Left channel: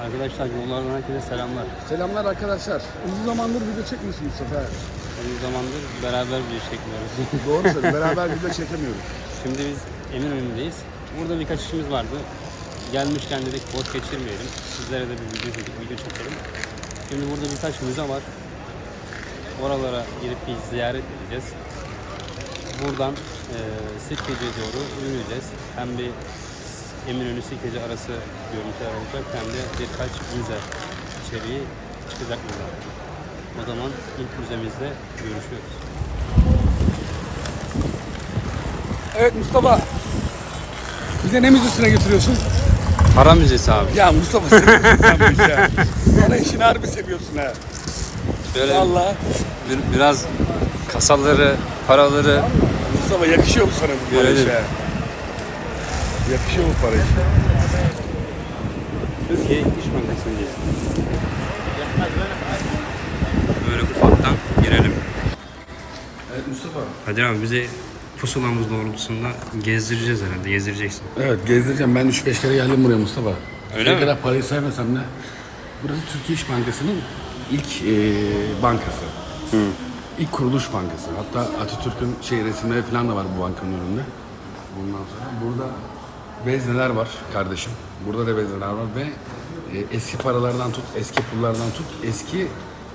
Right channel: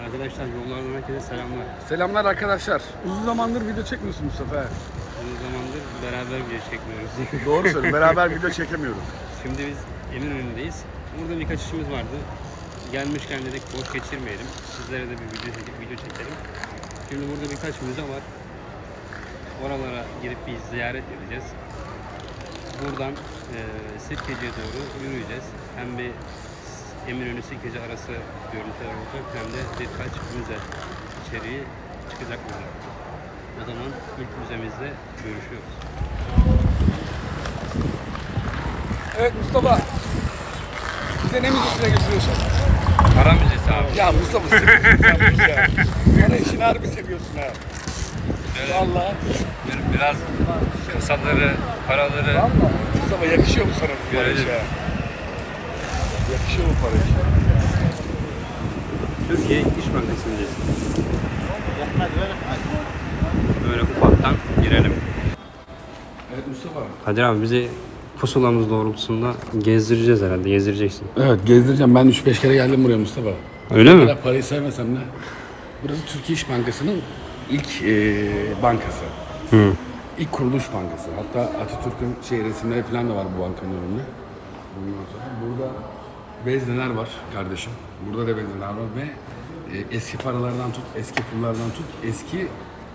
Arkadaşlar yollardan herkese selamlar. Selamlar arkadaşlar. Uzun zamandır video çekmiyorsun Mustafa. Uzun zamandır beraber video çekmiyoruz. Doğru söylüyorsun. Beraber video çekemiyoruz. Şimdi biz enin önündeyiz. Burada birkaç işimiz vardı. Gelmişken dedik boş geçirmeyelim. Sizlere de bir video çekip video çekelim. Şimdi burada birkaç müze var. Oralara girip bir ziyaret edeceğiz. Buradan e, Sirkeci'ye doğru yürüyeceğiz. Hem bir Eminönü Sirkeci arası görüntüler olacak hem de birkaç müze içeriği çıkacak buradan. O zaman ilk müzemizde görüşüyoruz. Evet Mustafa. Bize ne müzesine getiriyorsun? Para müzesi abi. Ya Mustafa sen seviyorsun ya. Sen işini harbi seviyorsun ha. Böyle Vallahi bir- biraz kasaları, paraları Mustafa yakışıyor mu sana? bu Görelim. iş ya? Yakışıyor mu parayı? Türkiye İş Bankası'ndayız. Böyle ufaktan girelim. Evet Mustafa. Hadi abi bizi pusulamız doğrultusunda gezdireceğiz herhalde. Gezdireceksin. Evet gezdireceğim. Ben 3-5 kere geldim buraya Mustafa. Öyle mi? kadar parayı sevmesem de. Burası Türkiye İş Bankası'nın ilk e, bankası. İlk kuruluş bankası. Hatta Atatürk'ün şey resimleri falan da var bu bankanın önünde. Ondan sonra burada vezneler var kardeşim. Burada da vezneler var ve e, eski paralardan tut, eski pullardan tut, eski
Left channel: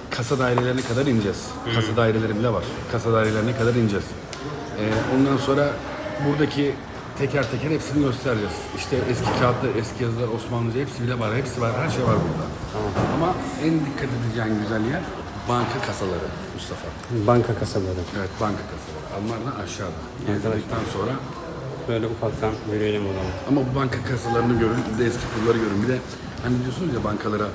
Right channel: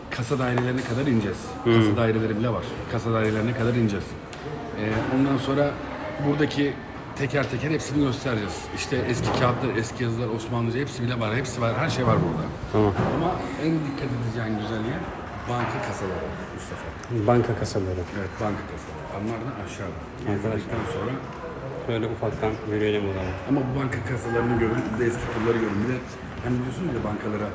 kasa dairelerine kadar ineceğiz. Kasa daireleri bile var. Kasa dairelerine kadar ineceğiz. E, ondan sonra buradaki teker teker hepsini göstereceğiz. İşte eski kağıtlar, eski yazılar, Osmanlıca hepsi bile var. Hepsi var. Her şey var burada. Ama en dikkat edeceğin güzel yer banka kasaları Mustafa. Banka kasaları. Evet banka kasaları. Onlar da aşağıda. Gezdikten sonra Böyle ufaktan yürüyelim o zaman. ama bu banka kasalarını görün, bir de eski pulları görün. Bir de hani diyorsunuz ya bankalara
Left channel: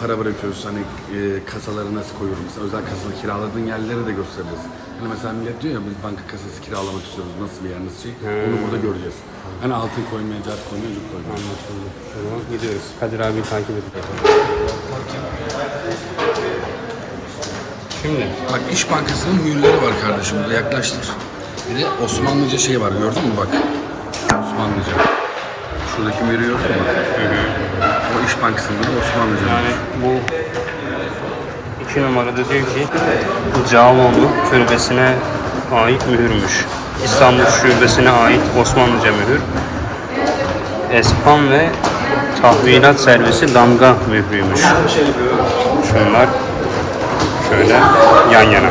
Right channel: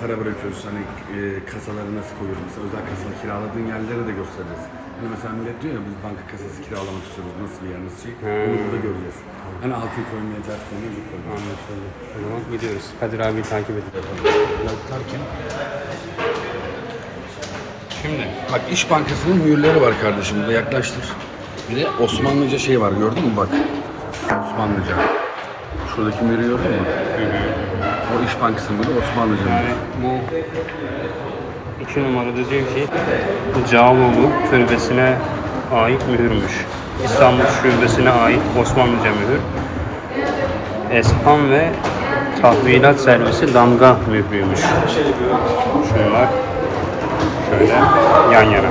para bırakıyoruz hani e, kasaları nasıl koyuyoruz mesela özel kasada kiraladığın yerleri de göstereceğiz. Hani mesela millet diyor ya biz banka kasası kiralamak istiyoruz nasıl bir yer nasıl şey onu burada göreceğiz. Hani altın koymaya, cart koymaya, cuk koymaya. Anlaşıldı. O zaman gidiyoruz. Kadir abi takip edin. Şimdi Bak İş Bankası'nın mühürleri var kardeşim burada yaklaştır. Bir de Osmanlıca şey var gördün mü bak. Osmanlıca. Şuradaki mühürü gördün mü? O İş Bankası'nda da Osmanlıca. yani bu iki numarada diyor ki Cağaloğlu türbesine ait mühürmüş. İstanbul şubesine ait Osmanlıca mühür. Espan ve tahvilat servisi damga mührüymüş. Şunlar şöyle yan yana.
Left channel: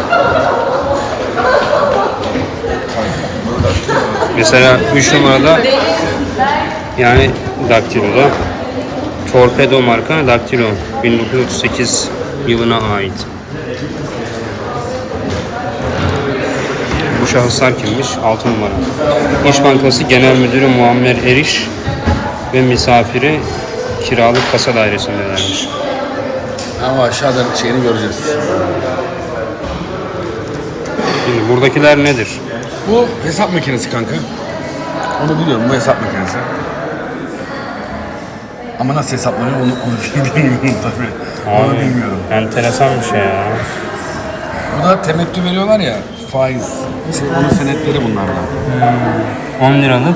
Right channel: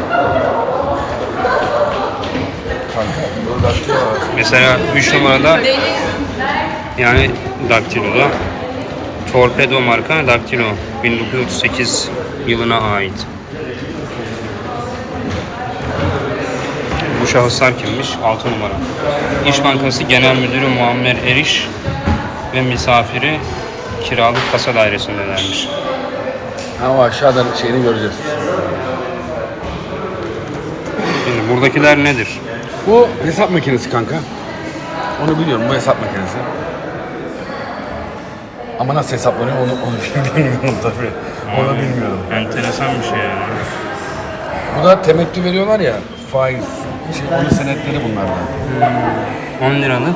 Mesela 3 numarada yani daktiloda Torpedo marka daktilo 1938 yılına ait. Bu şahıslar kimmiş? 6 numara. İş Bankası Genel Müdürü Muammer Eriş ve misafiri kiralık kasa dairesindelermiş. Ama aşağıda şeyini göreceğiz. Şimdi buradakiler nedir? Bu hesap makinesi kanka. Onu biliyorum bu hesap makinesi. Ama nasıl hesaplanıyor onu, onu bilmiyorum tabii. Onu bilmiyorum. Enteresan bir şey ya. Bu da temettü veriyorlar ya faiz. Şey, onun senetleri bunlardan. 10 liralık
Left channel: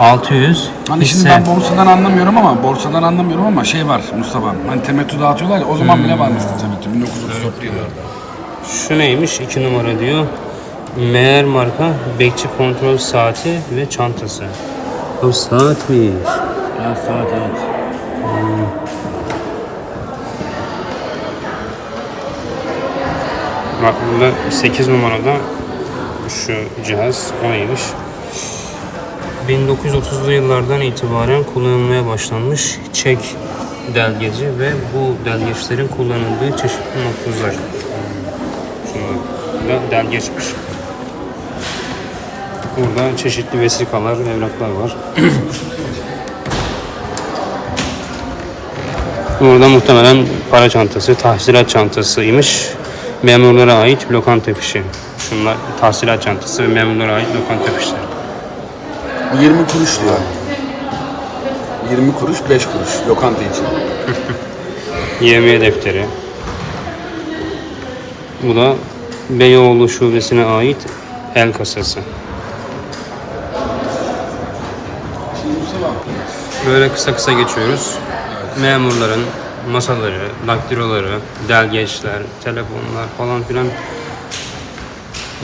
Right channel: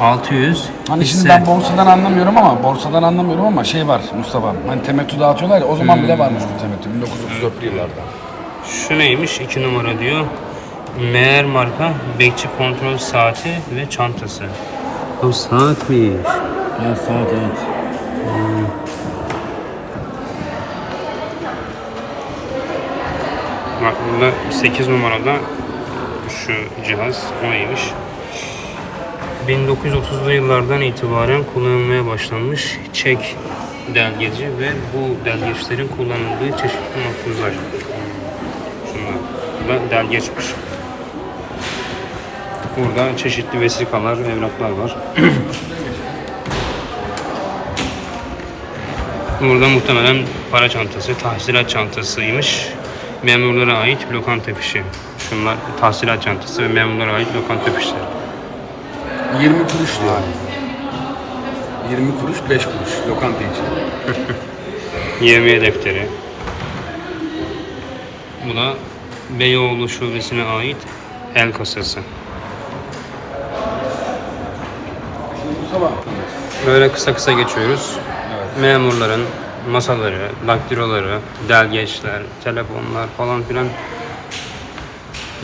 600 Hani şimdi hisse. ben borsadan anlamıyorum ama borsadan anlamıyorum ama şey var Mustafa. Hani temettü dağıtıyorlar ya o zaman bile var bizde temettü 1934 yıllarda. Şu neymiş? 2 numara diyor. Meğer marka bekçi kontrol saati ve çantası. Bu saatmiş. Evet saat evet. Bak burada 8 numarada şu cihaz o neymiş? 1930'lu yıllardan itibaren kullanılmaya başlanmış çek delgeci ve bu delgeçlerin kullanıldığı çeşitli makbuzlar. Şunlar da delgeçmiş. Burada çeşitli vesikalar, evraklar var. Burada muhtemelen para çantası, tahsilat çantasıymış. Memurlara ait lokanta fişi. Şunlar tahsilat çantası ve memurlara ait lokanta fişleri. 20 kuruş diyor. 20 kuruş 5 kuruş lokanta için. Yevmiye defteri. Bu da Beyoğlu şubesine ait el kasası. Böyle kısa kısa geçiyoruz. memurların masaları, daktiloları, delgeçler, telefonlar falan filan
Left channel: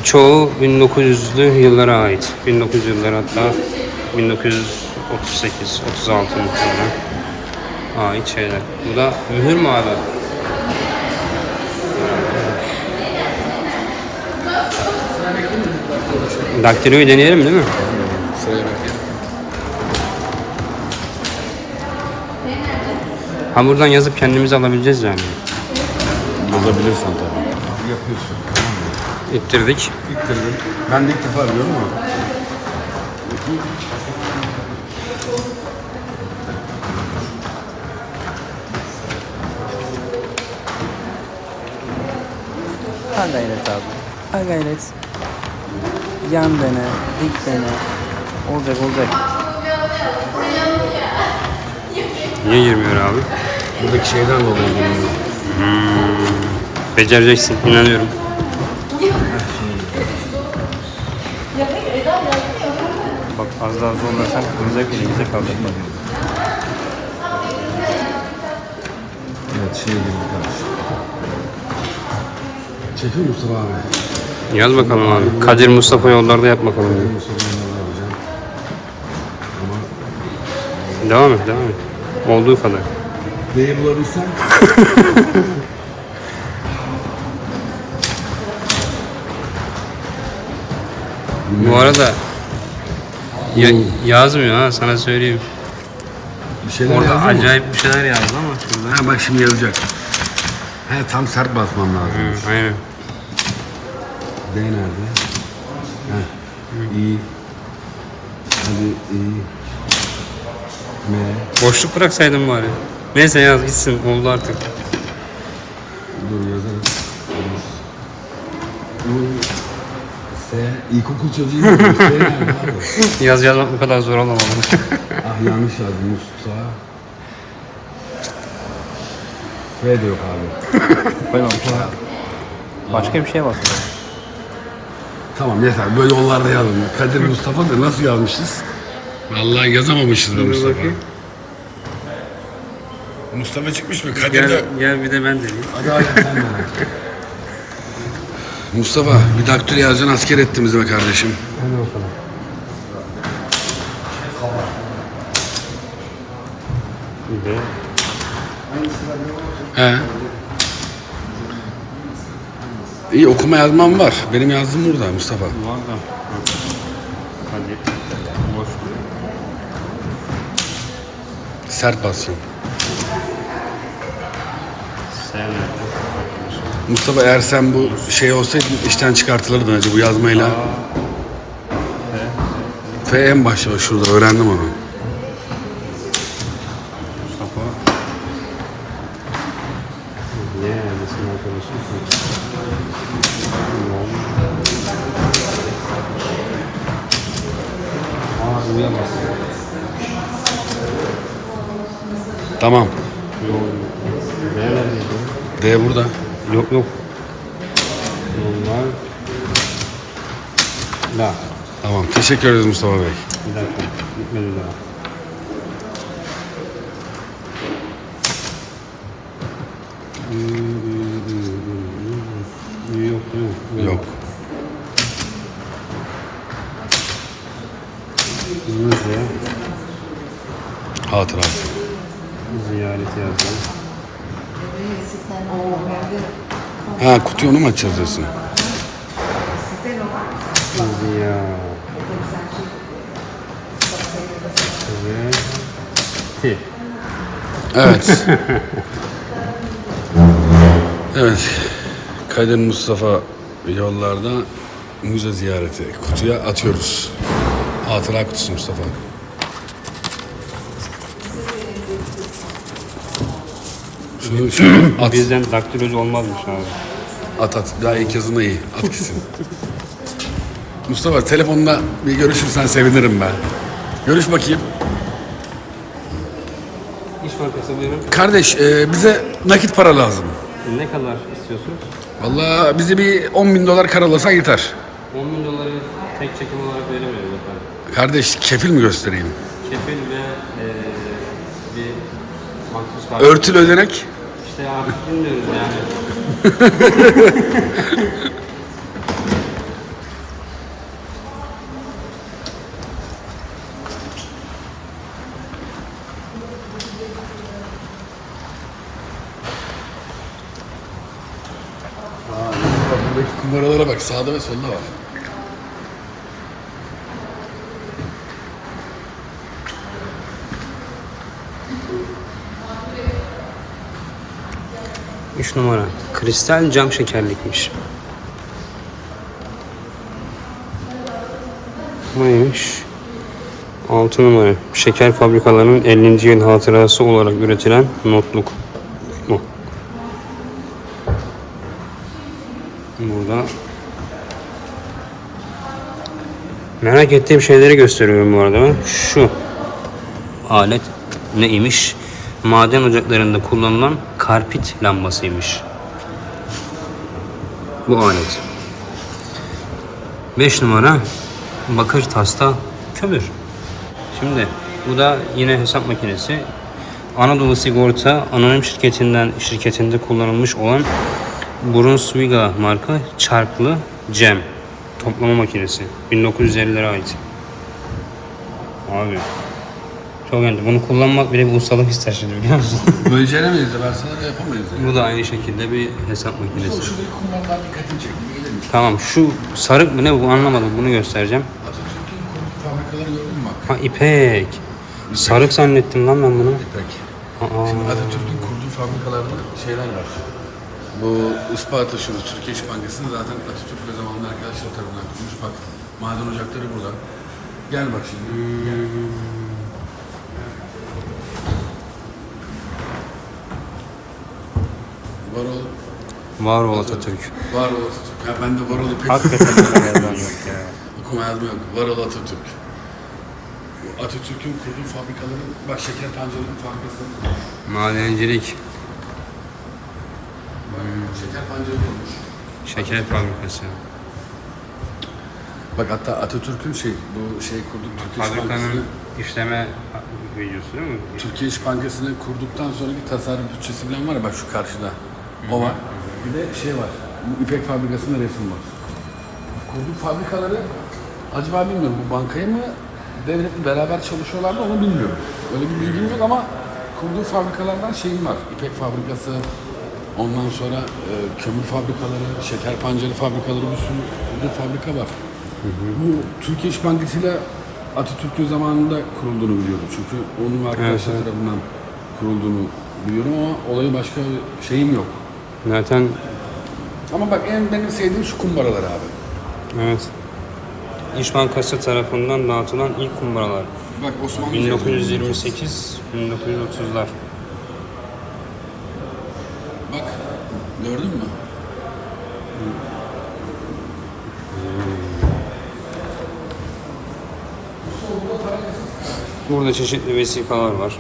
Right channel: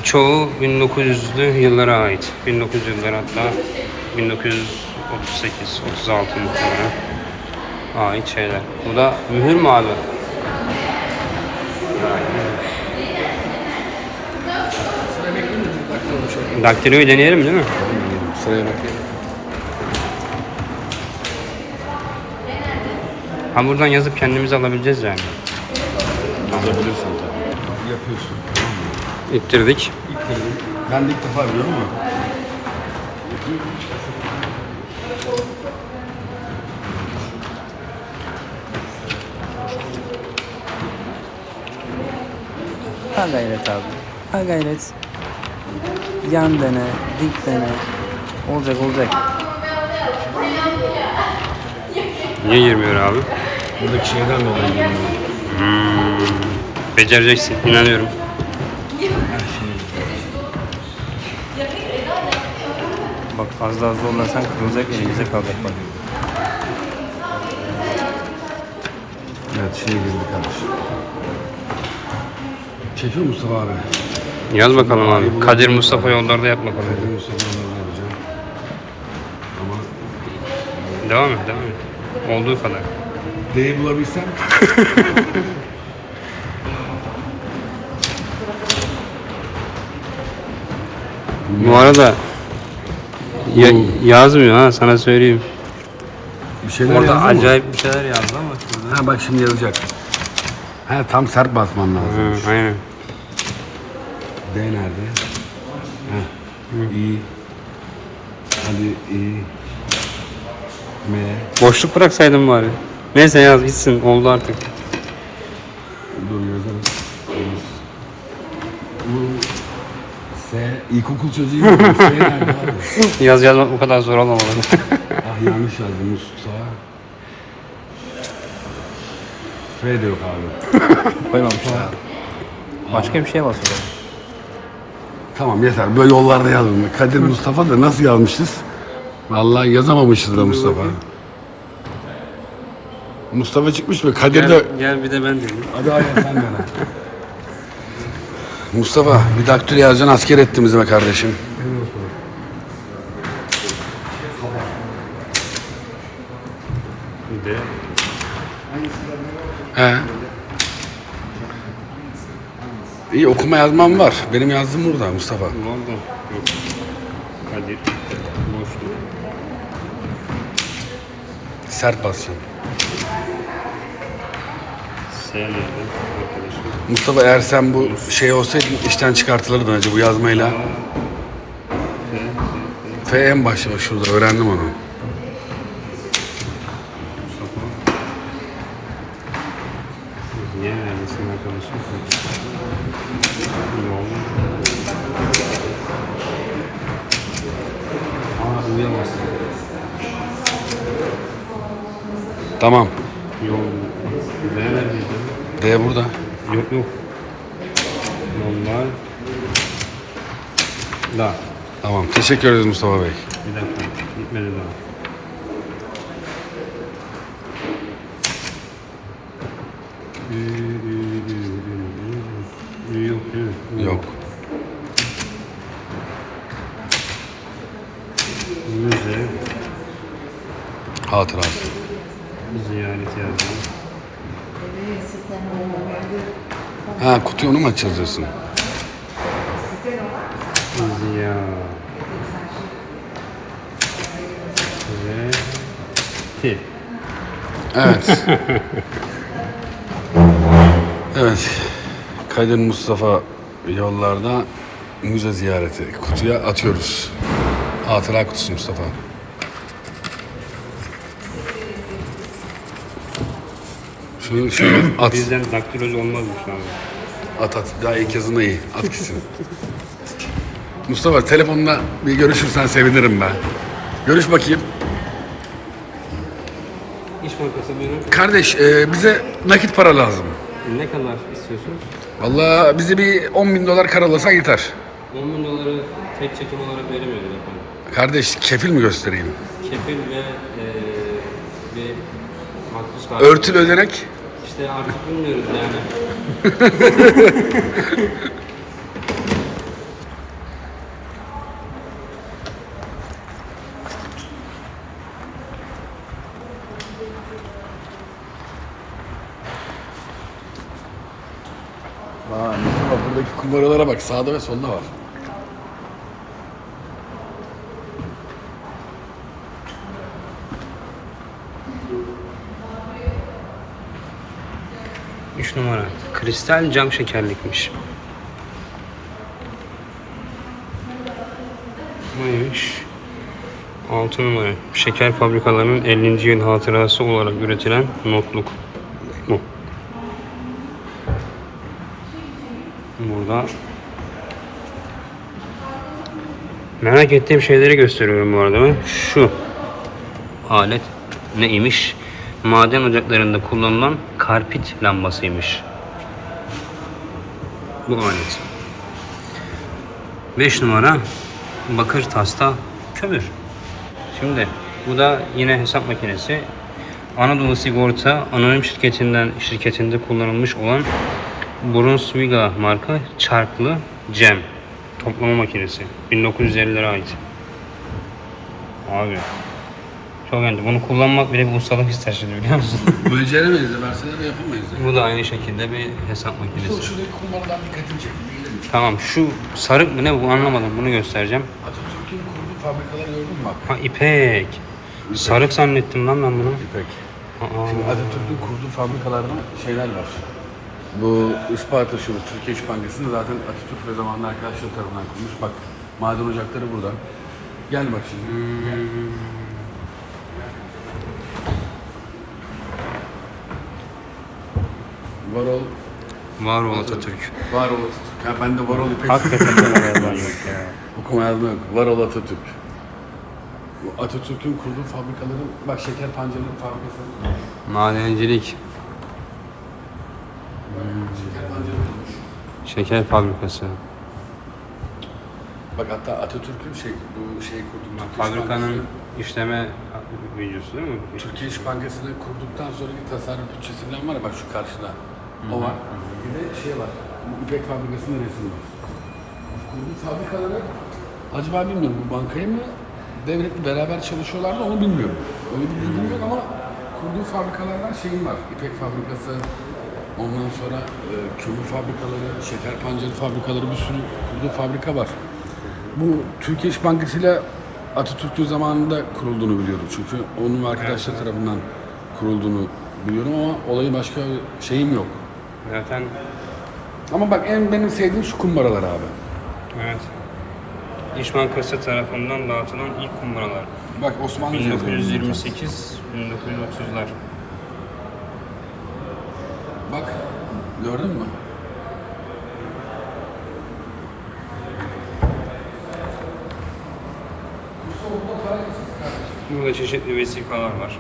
çoğu 1900'lü yıllara ait. 1900 yılları hatta 1938, 36 muhtemelen ait şeyler. Bu da mühür mü abi? Daktiloyu deneyelim değil mi? Bekleyelim. Ha buradan yazıp kendimiz alabileceğiz yani. Yazabilirsin tabii. Yapıyorsun. Tamam mı? İttirdik. İttirdim. Ben de ilk defa biliyorum ama. Ha gayret abi. Ha gayret. Yan dene, dik dene. Olacak olacak. Niye girmiyor abi? Buradaki şeyden dolayı geliyor. Becereceksin. inanıyorum. Bak az daha zorlarsan kırılacak elimize kalacak bak. Evet şey girdi kardeş. Çekiyor Mustafa abi. Yaz bakalım abi. Kadir Mustafa yollarda yap bakalım. Benim Mustafa'nın da yapacağım. Ama Devam et devam et. Olduğu kadar. D'yi bulabilsem Bu arada ya, yazmıyor ha sana söyleyeyim. bir şeyler Orada mı? acayip bir şeyler yazdı ama şurada. Ha bak şimdi yazacak. Ha tam sert basmam lazım. Hı, aynen. D nerede? Ha. İ. Hadi İ. M. Boşluk bıraksaydın bari. Neyse yaz gitsin oldu artık. Dur yazarız. U. S. İlkokul. S nerede abi? Yaz yazmak bu kadar zor olmamalı. Ah yanlış yazdım. Mustafa. F de yok abi. Koymamışlar abi. Başka bir şey basıyor. Tamam yeter. Böyle yollarda yazdım. ya. Kadir Mustafa da nasıl yazmışız? Vallahi yazamamışız da Mustafa. bakayım. Mustafa çıkmış mı? Kadir de... gel, gel bir de ben deneyeyim. Hadi hala sen de. Mustafa bir daktilo yazacaksın asker ettiğimiz be kardeşim. Hadi bakalım. Bir de He. İyi okuma yazmam var. Benim yazdığım burada Mustafa. var da. Kadir. Boşluk. Sert basacağım. Mustafa eğer sen bu şey olsaydın işten çıkartılırdın acı bu yazmayla. F en başta şurada öğrendim onu. Tamam. Yok. D burada. Yok yok. Yollar. Da. Tamam. Teşekkür ederiz Mustafa Bey. Bir dakika. Bitmedi daha. Yok? Ü Yok. Müze. Hatırası. Ziyaret yazdım. Ha kutuyu onu mu açacağız diyorsun? Ziya. Ziyareti. Evet. evet. Kadir Mustafa yollarda müze ziyareti. Kutuya atıyoruz. Hatıra kutusu Mustafa. Şunu şöyle at. Birden daktilocu olmazmış abi. At at. Daha ilk yazına iyi. At gitsin. Mustafa telefonla bir görüşürsen sevinirim ben. Görüş bakayım. İş Bankası buyurun. Kardeş e, bize nakit para lazım. Ne kadar istiyorsunuz? Vallahi bize bir 10 bin dolar karalasan yeter. 10 bin doları tek çekim olarak veremiyoruz efendim. Kardeş kefil mi göstereyim? Kefil ve eee bir Makbuz kart. Örtülü ödenek. İşte artık bilmiyoruz yani. Kumbaralara bak sağda ve solda var. Numara. Kristal cam şekerlikmiş. Neymiş? 6 numara. Şeker fabrikalarının 50. yıl hatırası olarak üretilen notluk. Bu. Burada merak ettiğim şeyleri gösteriyorum bu arada. Şu alet neymiş? Maden ocaklarında kullanılan karpit lambasıymış. Bu alet. 5 numara bakır tasta kömür. Şimdi bu da yine hesap makinesi. Anadolu Sigorta anonim şirketinden şirketinde kullanılmış olan Brunswiga marka çarklı cem toplama makinesi. 1950'lere ait. Abi çok önemli. Bunu kullanmak bile bir ustalık ister şimdi biliyor musun? Beceremeyiz de verseler de yapamayız. de. bu da aynı şekilde bir hesap makinesi. Şuradaki kumbaradan dikkatini misin? Tamam şu sarık mı ne bu anlamadım bunu göstereceğim. Atatürk'ün kurduğu fabrikaları gördün mü? Ha ipek. Sarık zannettim lan ben bunu. İpek. Aa, Şimdi Atatürk'ün kurduğu fabrikalarda şeyler var. Bu Isparta şunu Türkiye İş Bankası'nda zaten Atatürk ve zamanlı arkadaşlar tarafından kurulmuş. Bak maden ocakları burada. Gel bak şimdi. Varol, var ol Atatürk. Varol Atatürk. Ya ben de Varol İpek. Hakikaten bu yalan yok ya. Okuma yazma yok. Varol Atatürk. Atatürk'ün kurduğu fabrikaları, bak şeker pancarının fabrikası. Madencilik, Şeker pancarı kurmuş. şeker fabrikası. Bak hatta Atatürk'ün şey, bu şey kurduğu Fabrikanın işleme videosu değil mi? Türkiye İş Bankası'nı kurduktan sonraki tasarruf bütçesi var bak şu karşıda. O var. Bir de şey var. Bu İpek fabrikasında resim var. Kurduğu fabrikaları acaba bilmiyorum bu bankaya mı devletle beraber çalışıyorlardı onu bilmiyorum. Öyle bir bilgim yok ama kurduğu fabrikalardan şeyim var. İpek fabrikası, ondan sonra e, kömür fabrikaları, şeker pancarı fabrikaları bir sürü kurduğu fabrika var. Bu Türkiye İş Bankası ile Atatürk'ün zamanında kurulduğunu biliyorum. Çünkü onun arkadaşlar tarafından kurulduğunu biliyorum ama olayı başka şeyim yok. Zaten Ama bak en benim sevdiğim şu kumbaralar abi. evet. İş Bankası tarafından dağıtılan ilk kumbaralar. Bak Osmanlı 1928 1930'lar. Bak gördün mü? Burada çeşitli vesikalar var.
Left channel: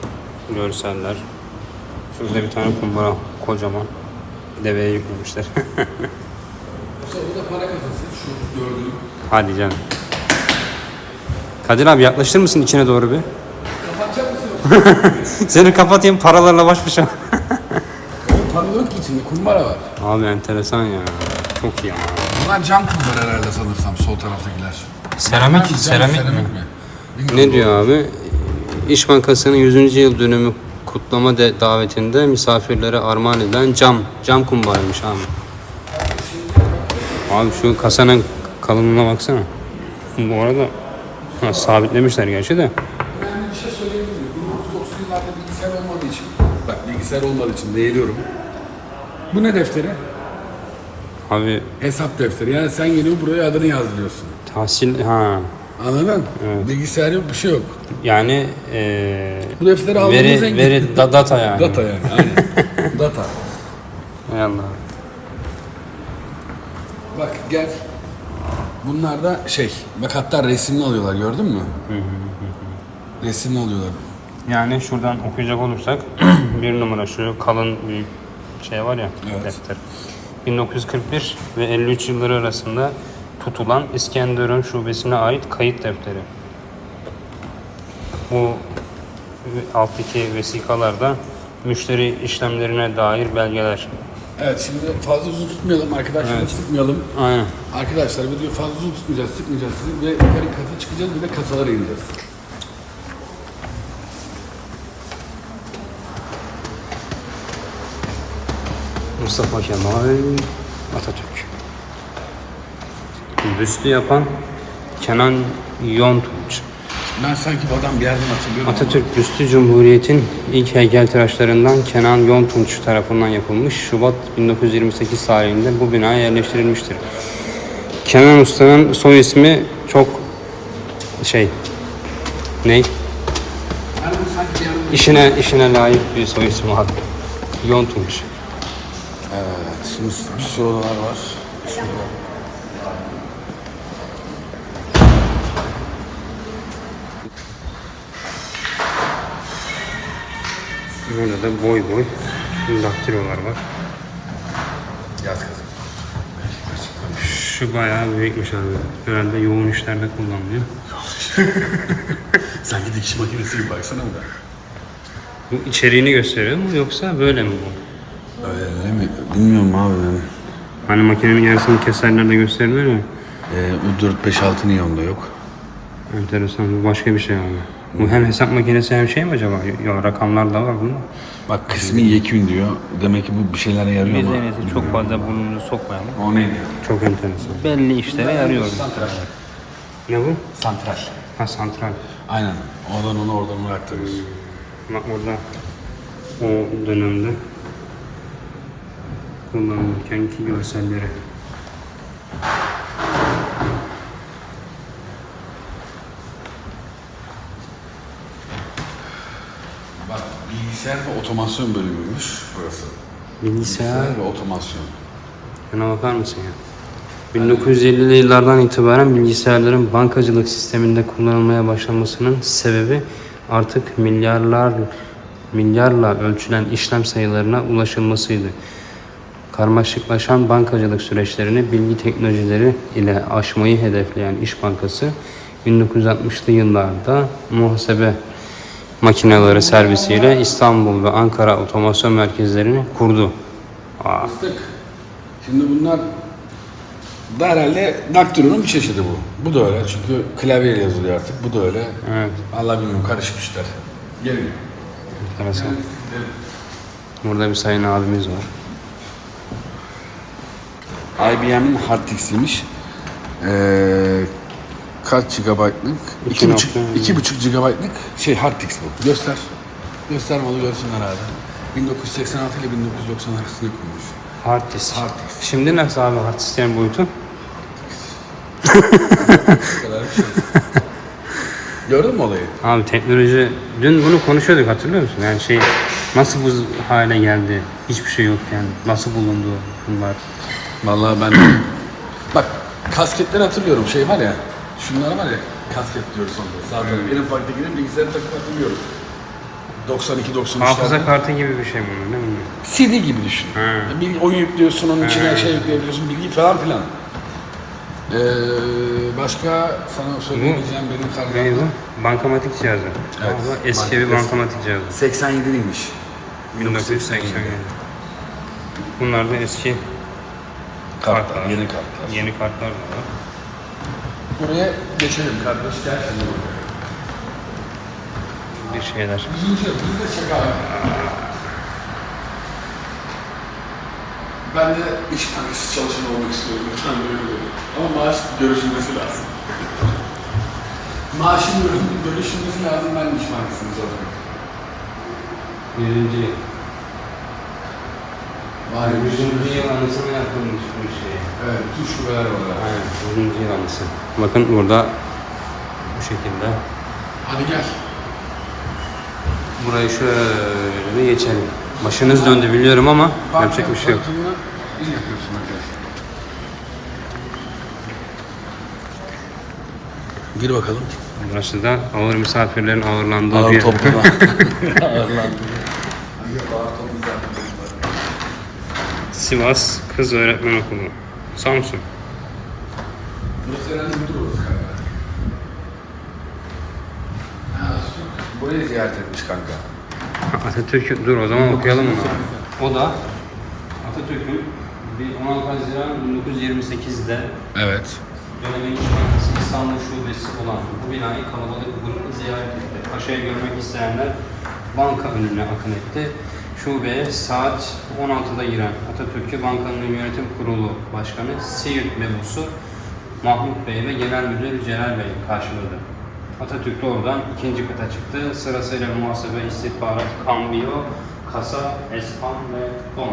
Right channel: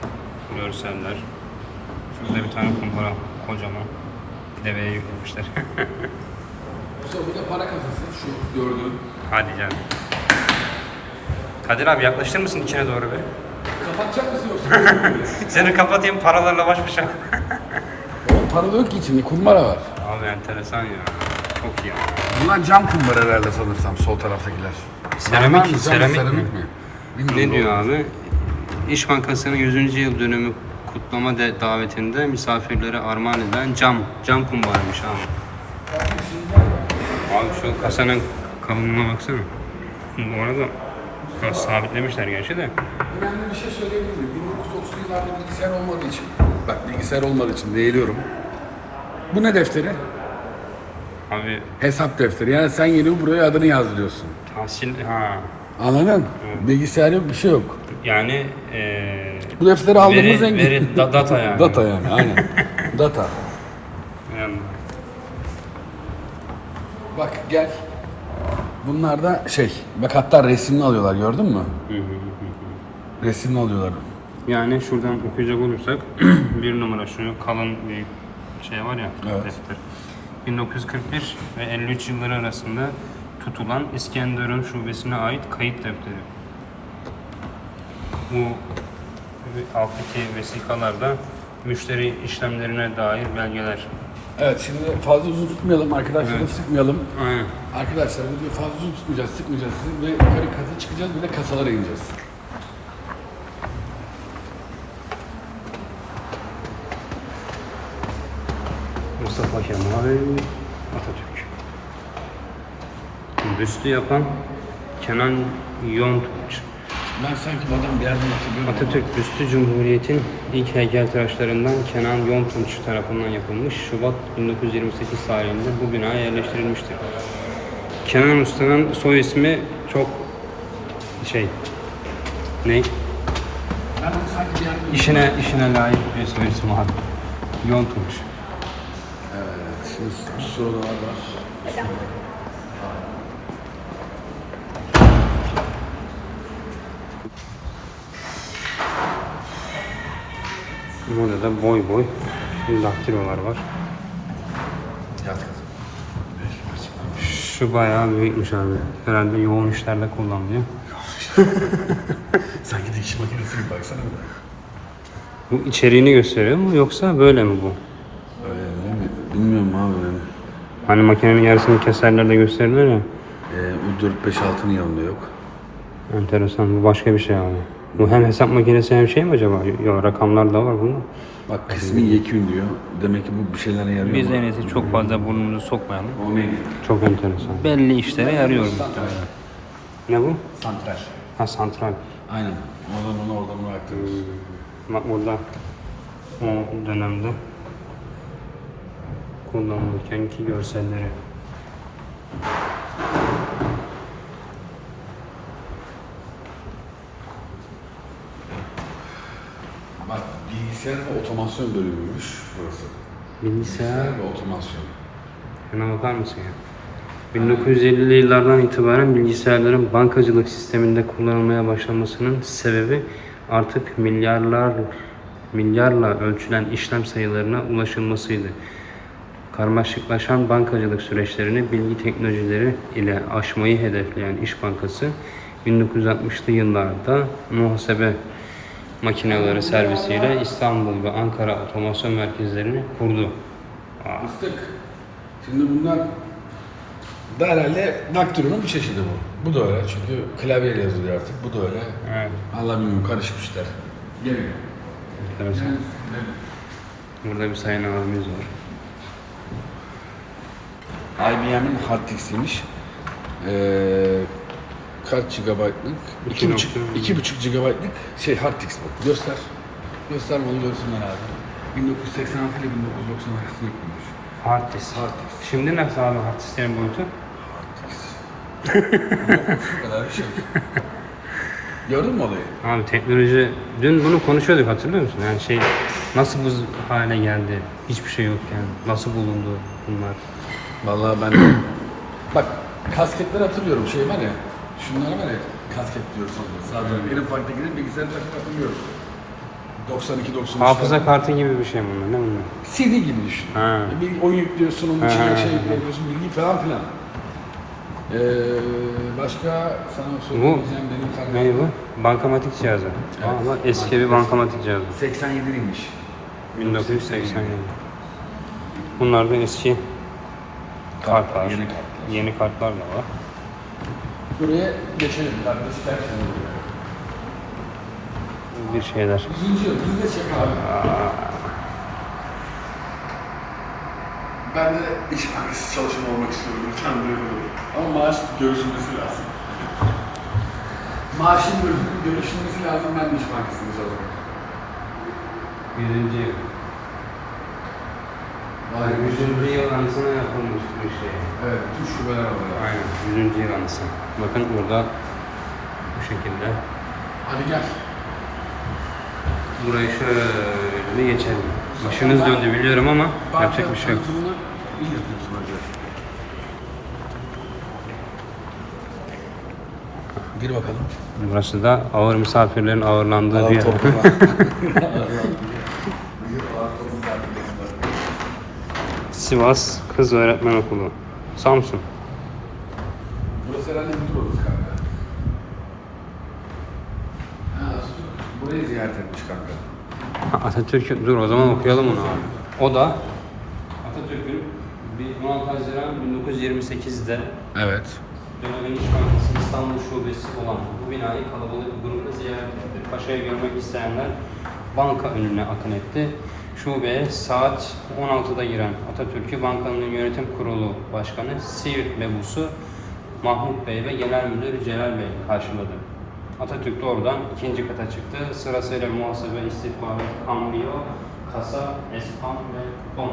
Görseller. Şurada bir tane kumbara kocaman. Deveye yüklemişler. Sonra burada para kasası şu gördüğün. Hadi canım. Kadir abi yaklaşır mısın içine doğru bir? Kapatacak mısın yoksa? Seni kapatayım paralarla baş başa. Oğlum para yok ki içinde kumbara var. Abi enteresan ya. Çok iyi. Bunlar cam kumbara herhalde sanırsam sol taraftakiler. Seramik, Cam, seramik, mi? Bilmiyorum. Ne diyor abi? İş Bankası'nın 100. yıl dönümü kutlama de davetinde misafirlere armağan edilen cam, cam kumbaraymış abi. Abi şu kasanın kalınlığına baksana. Bu arada ha, sabitlemişler gerçi de. Önemli bir şey söyleyebilir miyim? 1930'lu yıllarda bilgisayar olmadığı için, bak bilgisayar olmadığı için değiliyorum. Bu ne defteri? Abi Hesap defteri. Yani sen geliyor buraya adını yazdırıyorsun. tahsil ha Anladın? Bilgisayar yok, bir şey yok. yani eee Bu defteri aldığımız veri, en veri da- data yani. Data yani, aynen. Data. Hay Allah. Bak gel. Bunlar da şey, bak hatta resimli alıyorlar gördün mü? resimli alıyorlar. Yani şuradan okuyacak olursak bir numara şu kalın büyük şey var ya Evet. defter. 1941 ve 53 yılları arasında tutulan İskenderun şubesine ait kayıt defteri. Bu alttaki vesikalarda müşteri işlemlerine dair belgeler. Evet şimdi fazla uzun tutmayalım arkadaşları sıkmayalım. Aynen. Arkadaşlar video fazla uzun tutmayacağız, sıkmayacağız sizi ve yukarı kata çıkacağız bir de kasalara ineceğiz. Mustafa Kemal Atatürk. Büstü yapan Kenan Yontunç. Ben sanki bu adam bir yerden hatırlıyorum. Atatürk büstü Cumhuriyet'in ilk heykeltıraşlarından Kenan Yontunç tarafından yapılmış. Şubat 1928 tarihinde bu binaya yerleştirilmiştir. Kenan Usta'nın soy ismi çok şey ne? İşine işine layık bir soy ismi var. Yontunç. Evet, şimdi bir sorular var. Burada da boy boy daktilolar var. Kızım. Şu bayağı büyükmüş abi. Herhalde yoğun işlerde kullanılıyor. Sanki dikiş makinesi gibi baksana bu. Bu içeriğini gösteriyor mu yoksa böyle mi bu? Öyle mi? Bilmiyorum abi. Hani makinenin yarısını keserler de gösterilir ya. Ee, U456 niye onda yok? Enteresan. Bu başka bir şey abi. Bu hem hesap makinesi hem şey mi acaba? Yok rakamlar da var bunda. Bak kısmi yekün diyor. Demek ki bu bir şeylere yarıyor Biz en iyisi çok fazla burnumuzu sokmayalım. O neydi? Çok enteresan. Belli işlere yarıyor muhtemelen. Ne bu? Santral. Ha santral. Aynen. Oradan onu oradan bıraktınız. Bak burada o dönemde kullanılırken ki görselleri. Bak bilgisayar ve otomasyon bölümüymüş burası. Bilgisayar ve otomasyon. Şuna bakar mısın ya? 1950'li yıllardan itibaren bilgisayarların bankacılık sisteminde kullanılmaya başlamasının sebebi artık milyarlar milyarla ölçülen işlem sayılarına ulaşılmasıydı. Karmaşıklaşan bankacılık süreçlerini bilgi teknolojileri ile aşmayı hedefleyen İş Bankası 1960'lı yıllarda muhasebe makineleri servisiyle İstanbul ve Ankara otomasyon merkezlerini kurdu. Aa. Şimdi bunlar da herhalde daktilonun bir çeşidi bu. Bu da öyle çünkü klavyeyle yazılıyor artık. Bu da öyle. evet. Allah bilmiyorum karışmışlar. Gelin. Enteresan. Burada bir sayın abimiz var. IBM'in hard disk'iymiş. Ee, kaç? İki 2,5 nokta- 2,5 gigabaytlık şey hard disk bu. Göster. Göster bana görsünler abi. 1986 ile 1990 arasında kurmuş. Hard disk. Şimdi nasıl abi hard disklerin boyutu? Kadar bir şey. Gördün mü olayı? Abi teknoloji, dün bunu konuşuyorduk hatırlıyor musun? Yani şey nasıl bu hale geldi? Hiçbir şey yokken nasıl bulundu bunlar? Vallahi ben bak kasketleri hatırlıyorum şey var ya şunlar var ya kasket diyoruz sonra zaten en ufaktakinin bilgisayarı takıp hatırlıyorum 92 93 Hafıza kartı gibi bir şey bunlar değil mi? CD gibi düşün. Ha. Bir oyun yüklüyorsun onun içine şey yükleyebiliyorsun bilgi falan filan. Ee, başka sana söyleyebileceğim benim Ne karnım bu? Bankamatik cihazı. Ama eski bir bankamatik cihazı. 87'liymiş. 1987. Bunlar da eski Kartlar, kartlar. yeni kartlar. Yeni kartlar da var. Buraya geçelim kardeş şimdi. Bir şeyler. Yıl, biz de çek abi. Ben de iş bankası çalışanı olmak istiyorum. Lütfen böyle olur. Ama maaş görüşülmesi lazım. Maaşın görüşülmesi, lazım. Ben de iş bankasını çalışıyorum. 100. yıl. Var ya, 100. yıl anısına yapılmış bir şey. Evet, bütün şubeler var. Aynen 100. yıl anısı. Bakın burada bu şekilde. Hadi gel. Burayı şöyle bir geçelim. Başınız döndü biliyorum ama yapacak bir şey yok. iyi yapıyorsun. Gir bakalım. Burası da ağır misafirlerin ağırlandığı Ağır bir yer. Sivas Kız Öğretmen Okulu. Samsun. Burası herhalde müdür odası kanka. Ha, Burayı ziyaret etmiş kanka. Atatürk dur o zaman okuyalım onu abi. O da Atatürk'ün bir 16 Haziran 1928'de Evet. Belediye İş Bankası İstanbul Şubesi olan bu binayı kalabalık bir grupla ziyaret etti. Paşa'yı görmek isteyenler banka önüne akın etti. Şubeye saat 16'da giren Atatürk'ü bankanın yönetim kurulu başkanı Siirt mebusu Mahmut Bey ve genel müdür Celal Bey karşıladı. Atatürk de oradan ikinci kata çıktı. Sırasıyla muhasebe, istihbarat, kambiyo, kasa, espan ve ton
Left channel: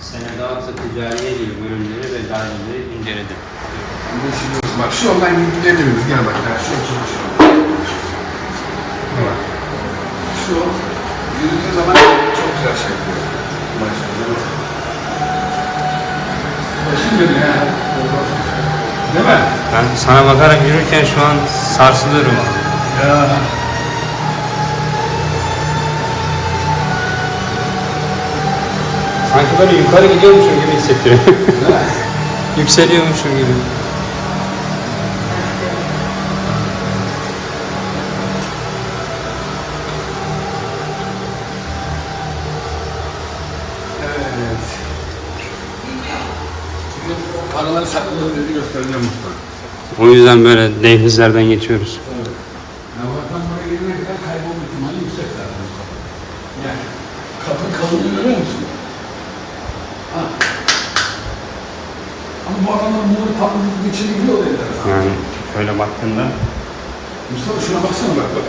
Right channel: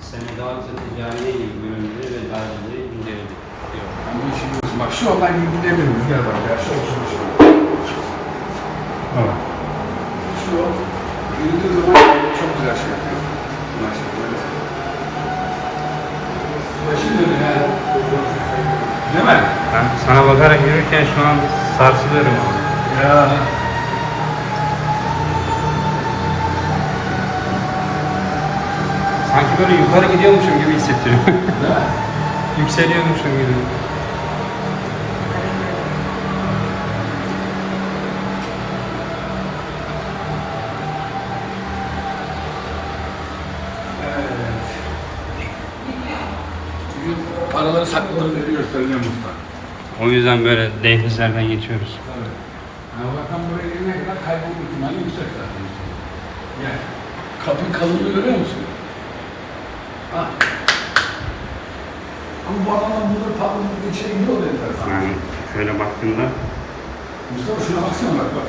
senedat-ı ticariye gibi bölümleri ve daireleri inceledi. Bak şu yoldan gidebiliriz. Gel bak. Şöyle şöyle şöyle. Şu yol yürüdüğün zaman çok güzel şey yapıyor. Maşallah. Başım dönüyor ya. Değil mi? Ben sana bakarak yürürken şu an sarsılıyorum abi. Ya. Sanki böyle yukarı gidiyormuşum gibi hissettiriyor. Yükseliyormuşum gibi. O yüzden böyle dehlizlerden geçiyoruz. Tabii. Yani oradan buraya girene kadar kaybolma ihtimali yüksek zaten. Gel. Kapı kalınlığı görüyor musun? Ha. Ama bu adamlar bunları patlatıp içeri gidiyor kadar. Yani şöyle baktığımda Mustafa şuna baksana bak bak.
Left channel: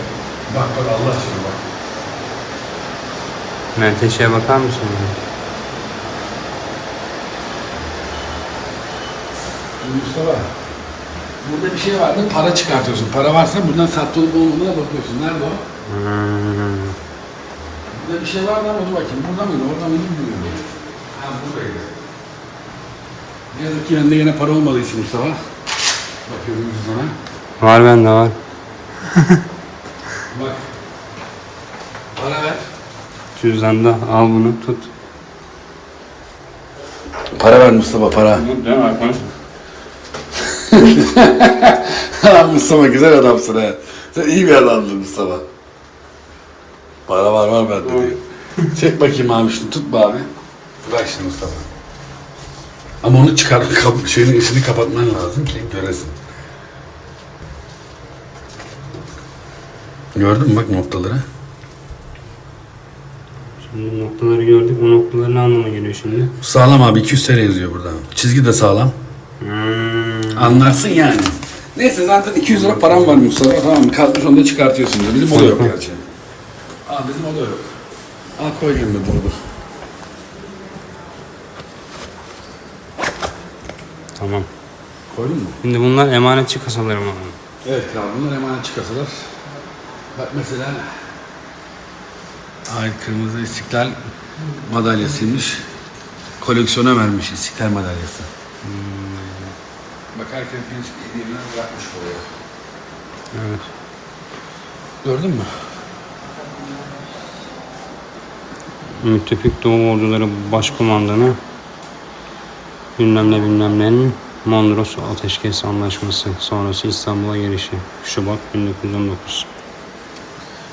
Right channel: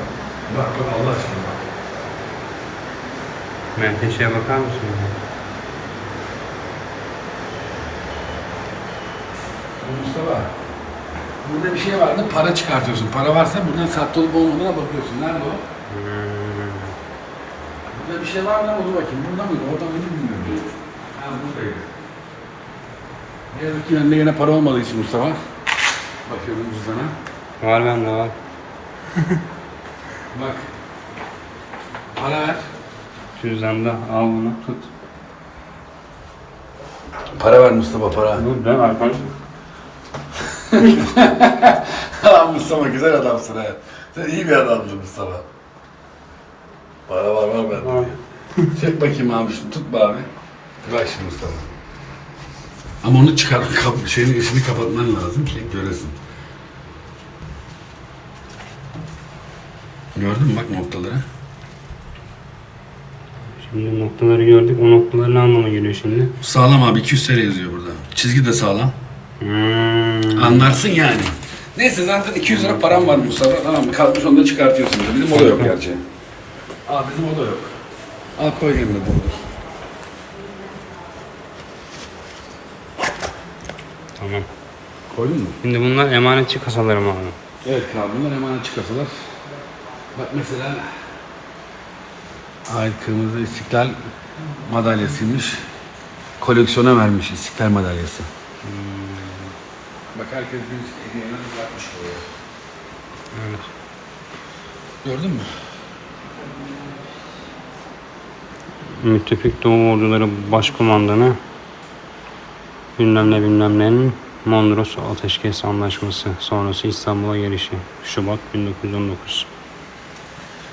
Bak bak Allah aşkına bak. menteşeye bakar mısın? Mustafa. Burada bir şey vardı, para çıkartıyorsun. Para varsa buradan sahte olup olmadığına bakıyorsun. Nerede o? Hmm. Burada bir şey vardı ama dur bakayım. Burada mıydı? Orada mıydı bilmiyorum. Ha buradaydı. Ne yazık ki bende yine para olmadığı için Mustafa. Bakıyorum cüzdana. Var bende var. Bak. Para ver. Cüzdanda al bunu tut. Para ver Mustafa para. Dur ben arkadaş. Lan Mustafa güzel adamsın ha. Sen iyi bir adamsın Mustafa. Para var var bende diyor. Çek bakayım abi şunu tut be abi. Bırak şimdi Mustafa. Ama onu çıkar, kap, şeyin içini kapatman lazım ki göresin. Gördün mü bak noktaları? Şimdi noktaları gördük. O noktalar ne anlama geliyor şimdi? Sağlam abi 200 TL yazıyor burada. Çizgi de sağlam. Hmm. Anlarsın yani. Neyse zaten 200 lira param var Mustafa. Tamam mı? Kalkmış onu da çıkartıyorsun. Bizim o da yok gerçi. Aa bizim o da yok. Al koy yanına doğru. Tamam. Koydun mu? Şimdi bunlar emanetçi kasalarım abi. Evet kral bunlar emanetçi kasalar. Bak mesela Ay kırmızı istiklal madalyasıymış. Koleksiyona vermiş istiklal madalyası. Bak herkes hediyeni bırakmış oraya. Evet. Gördün mü? Müttefik Doğu Orduları Başkumandanı bilmem ne bilmem nenin Mondros Ateşkes Anlaşması sonrası İstanbul'a gelişi Şubat 1919.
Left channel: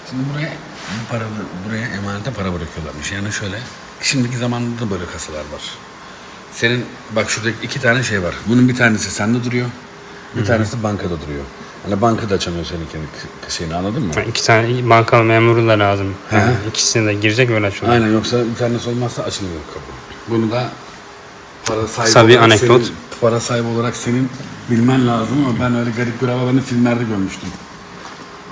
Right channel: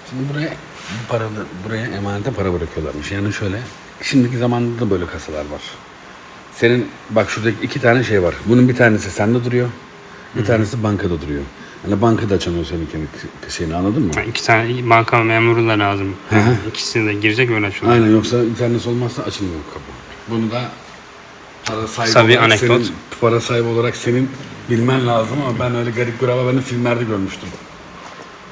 Şimdi buraya bu para, buraya emanete para bırakıyorlarmış. Yani şöyle, şimdiki zamanda da böyle kasalar var. Senin bak şurada iki tane şey var. Bunun bir tanesi sende duruyor, bir tanesi bankada duruyor. Yani banka da açamıyor senin kendi k- şeyini anladın mı? Yani iki tane banka memuru da lazım. Yani ikisini de girecek öyle açıyor. Aynen yoksa internet olmazsa açılmıyor kapı. Bunu da para sahibi Kısa bir olarak anekdot. senin, para sahibi olarak senin bilmen lazım ama ben öyle garip bir hava filmlerde görmüştüm.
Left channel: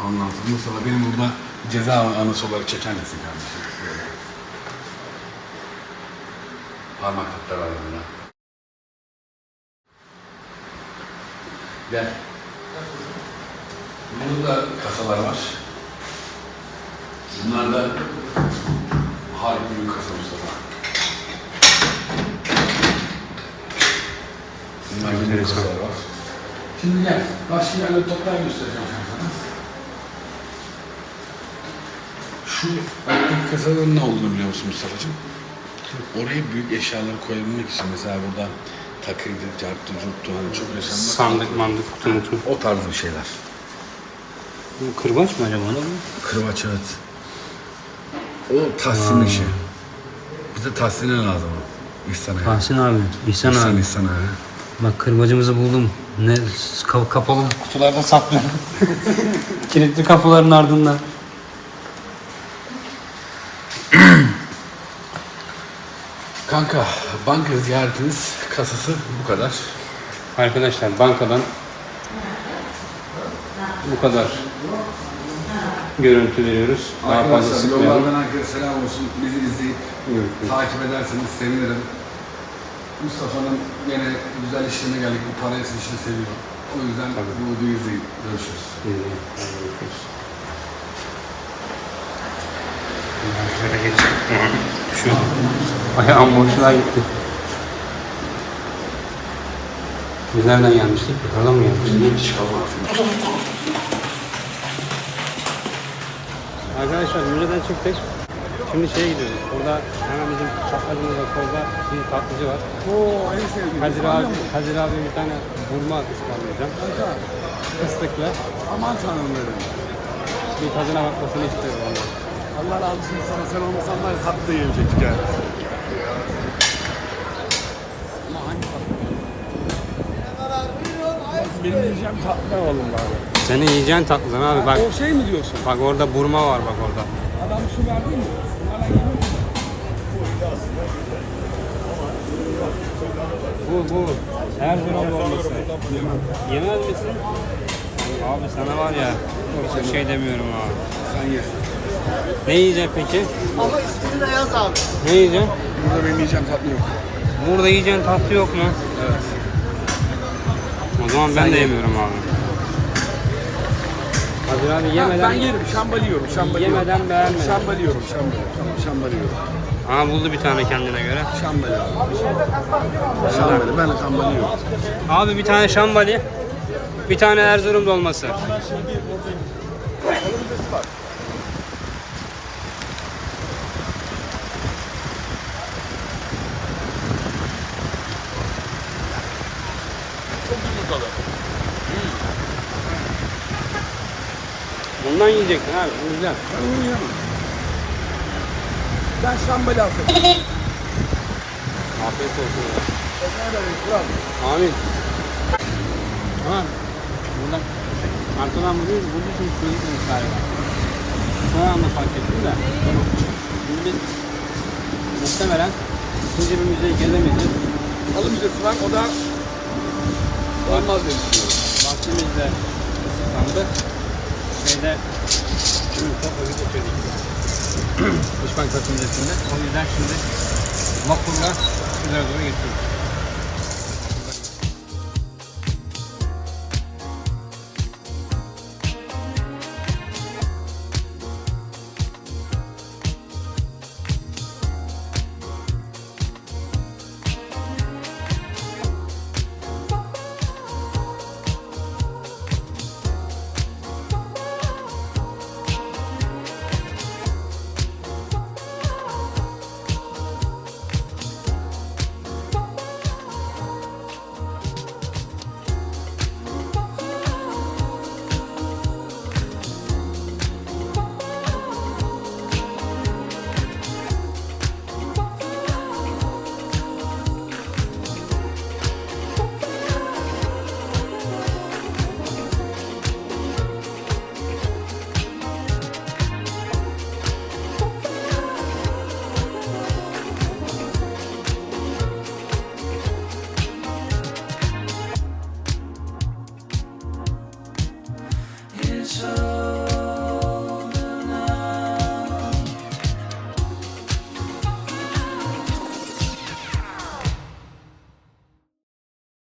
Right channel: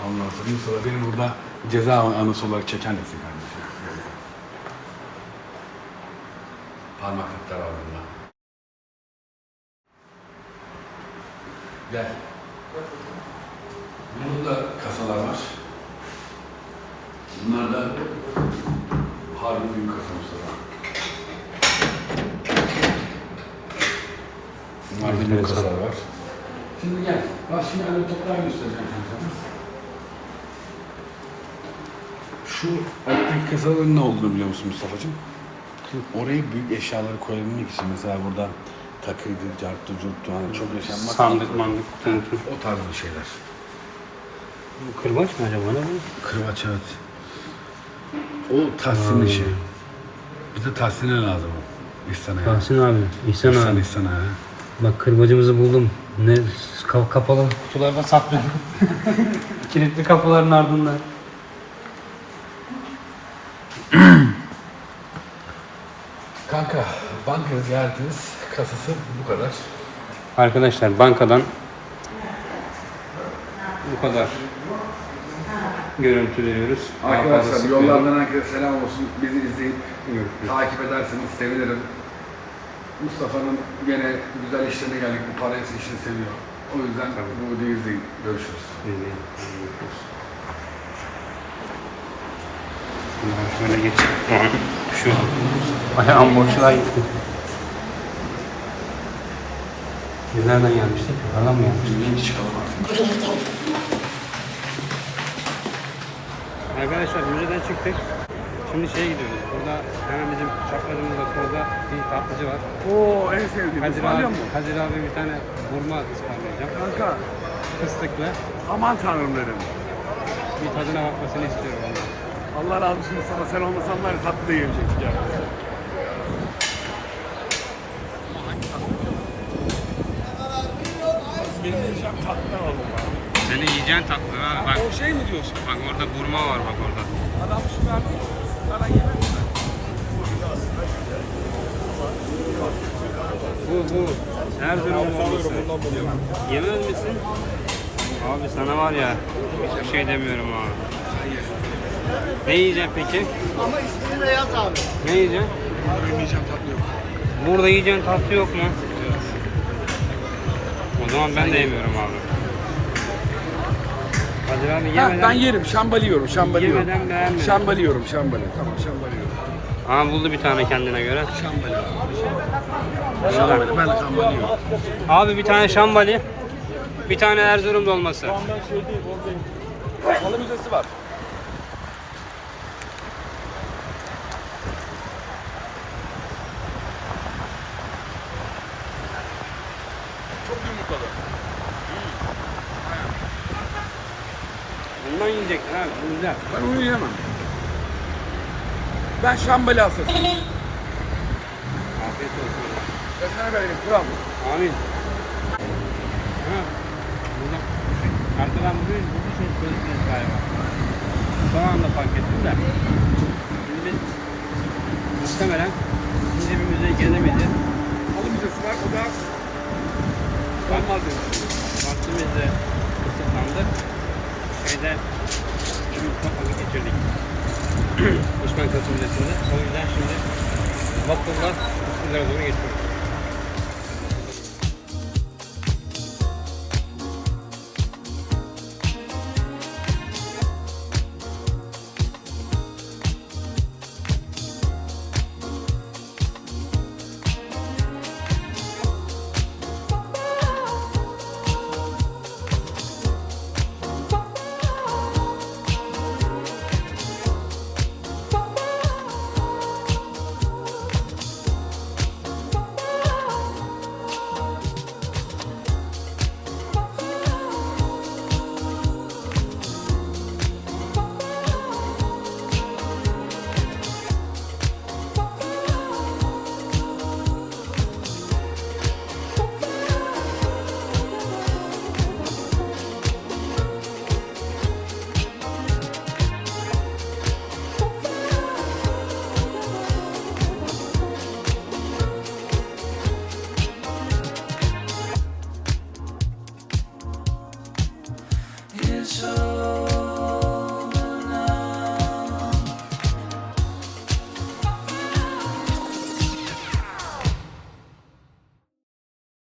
Ondan sonra sonra benim burada ceza anısı olarak çeken misin kardeşim? Böyle. Parmak hatlar altında. Gel. Burada kasalar var. Bunlar da harbi büyük kasa Mustafa. Bunlar da büyük kasalar var. Şimdi gel. Başka bir toplar göstereceğim ben sana. Şu alttaki kasanın ne olduğunu biliyor musun Mustafa'cığım? Oraya büyük eşyaları koyabilmek için mesela burada takıydı, carttı, curttu, hani çok yaşanmaz. Sandık mandık kutu mutu. O tarz bir şeyler. Bu kırbaç mı acaba ne bu? Kırbaç evet. O Tahsin işi. Bize Tahsin'e lazım o. İhsan'a. ya. Tahsin abi, İhsan İhsan, abi. İhsan abi. Bak kırbacımızı buldum. Ne ka- kapalı kutularda saklıyorum. Kilitli kapıların ardından. Kanka banka ziyaretiniz kasası bu kadar. Arkadaşlar bankadan bu kadar görüntü veriyoruz. Daha fazla Arkadaşlar sıkmayalım. yollardan herkese selam olsun. Bizi izleyip Görüşürüz. takip ederseniz sevinirim. Mustafa'nın gene güzel işlerine geldik. Bu para işini seviyor. O yüzden bu videoyu izleyin. Görüşürüz. Görüşürüz. Şöyle geçeyim. Şu ayağım boşluğa gitti. Biz nereden gelmiştik? Yukarıdan mı gelmiştik? Arkadaşlar müzeden çıktık. Şimdi şeye gidiyoruz. Burada hemen bizim çaprazımızda solda bir tatlıcı var. Oo en sevdiğim. Kadir abi, Kadir abi bir tane burma ısmarlayacağım. Kanka Fıstıklı. aman tanrım dedim. Bir tadına bakmasını istiyorum ondan. Allah razı olsun sana. Sen olmasan var ya tatlı da yiyemeyecektik ya. Benim yiyeceğim tatlı alalım Senin yiyeceğin tatlıdan abi bak. Şey mi diyorsun? Bak orada burma var bak orada. Bu bu. Erzurum dolması. Yemez misin? Abi sana var ya hiçbir şey demiyorum abi. Ne yiyeceksin peki? Ama ismini de yaz abi. Ne yiyeceksin? Burada benim yiyeceğim tatlı yok. Burada yiyeceğin tatlı yok mu? O zaman ben de yemiyorum abi. Kadir abi Ben, yemeden ben yerim. Şambali yiyorum. Şambali yemeden beğenmedim. Şambali yiyorum. Şambali. Tamam şambali yiyorum. Aa buldu bir tane kendine göre. Şambali abi. Şambali. Ben şambali yiyorum. Abi bir tane şambali, bir tane Erzurum dolması. Çok yumurtalı. Bundan yiyeceksin abi, bu güzel. Ben onu yiyemem. Ben şambali hastasıyım. Afiyet olsun. Ekmeğe verin. Kural. Amin. Ha, buradan arkadan vuruyor, bu bir şey çocuk galiba. Son anda fark ettim de. Şimdi biz muhtemelen bir müzeyi gezemeyeceğiz. Müzesi var. O da olmaz dedim. Vaktimiz de kısıtlandı. Şeyde çok vakit geçirdik. İş Bankası Müzesi'nde. O yüzden şimdi vapurla üzere doğru geçiyoruz.